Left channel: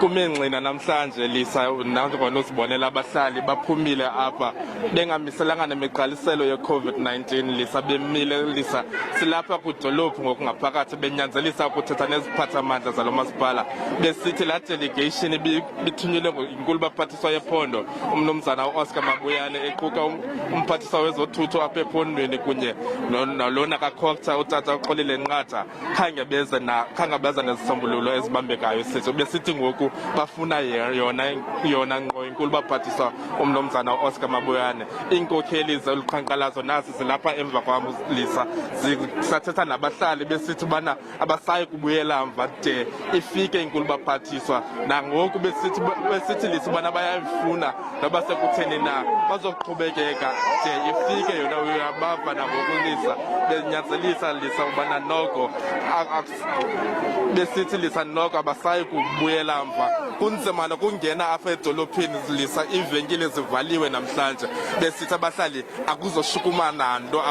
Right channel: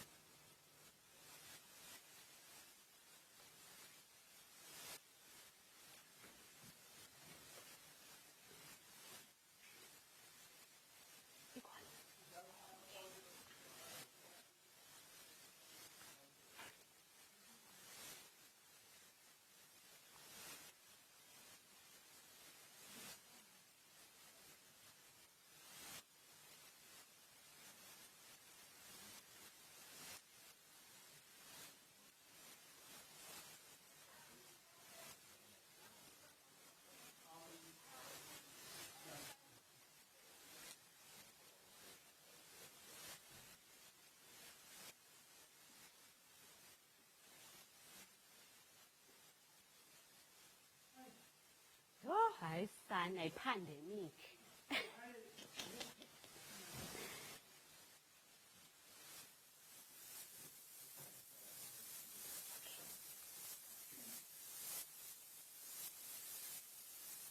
kumengxina namhlanje lisa nangona usibonela abahlali baphumile apha bengamiselanga nemigqaliselo ye-COVID-19 lisa bemile lisa silapha kudolophu ngokungaphakathi benyanzelisa ukuthetha neziphathamandla zalo masipala besithi la delegation bithunyelwe inkulu baphathiswa yephondo umnumzana uOscar Mabuyane equka umphathiswa wezothutho apha ephondweni kunye nalona kaCocta utata uXolile Nqatha khange beza nezisombululo ezibambekayo sithi besithi ngoku bafuna yona ngqo inkulu baphathiswa umnumzana uOscar Mabuyane inkokheli zoluqhankqalazo nazi zilapha emva kwam lisa zisathetha nabahlali besithi bana abasayi kubuyela mva de ifike inkulu baphathiswa nangoku besithi lisa bana bayayifuna noba sekutheni na bazoqhubekeka de ifike yona uyabava nangokulisa benyanzelisa lisa ubana noko besithi lisa noko abasayi kubuyela mva kunzima nokungena apha edolophini lisa iivenkile zivaliwe namhlanje besithi abahlali akuzoshukumana nto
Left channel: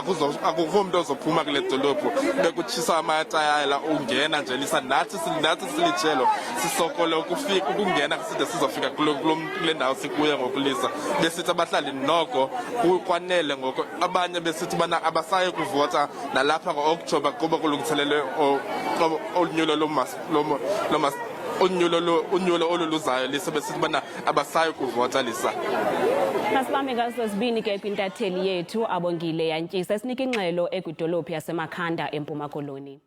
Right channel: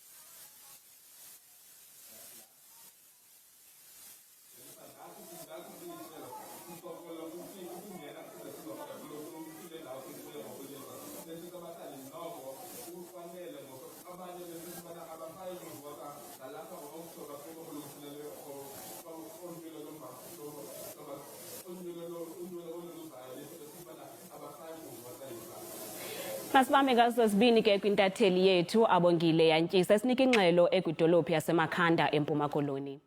akukho mntu ozophuma kule dolophu bekutshisa amatayala ungena nje lisa nathi silijelo sisokole ukungena side sizofika kule ndawo sikuye ngokulisa besithi abahlali noko kwanele ngoko abanye besithi bana abasayi kuvota nalapha ngo-Okthobha kuba kulungiselelwe unyulo oluluzayo lisa besithi bana abasayi kuvota lisa. Masibambe ngaso sibini ke kwintatheli yethu abongile yantyisa sinika ingxelo ekwidolophu yaseMakhanda eMpuma Koloni.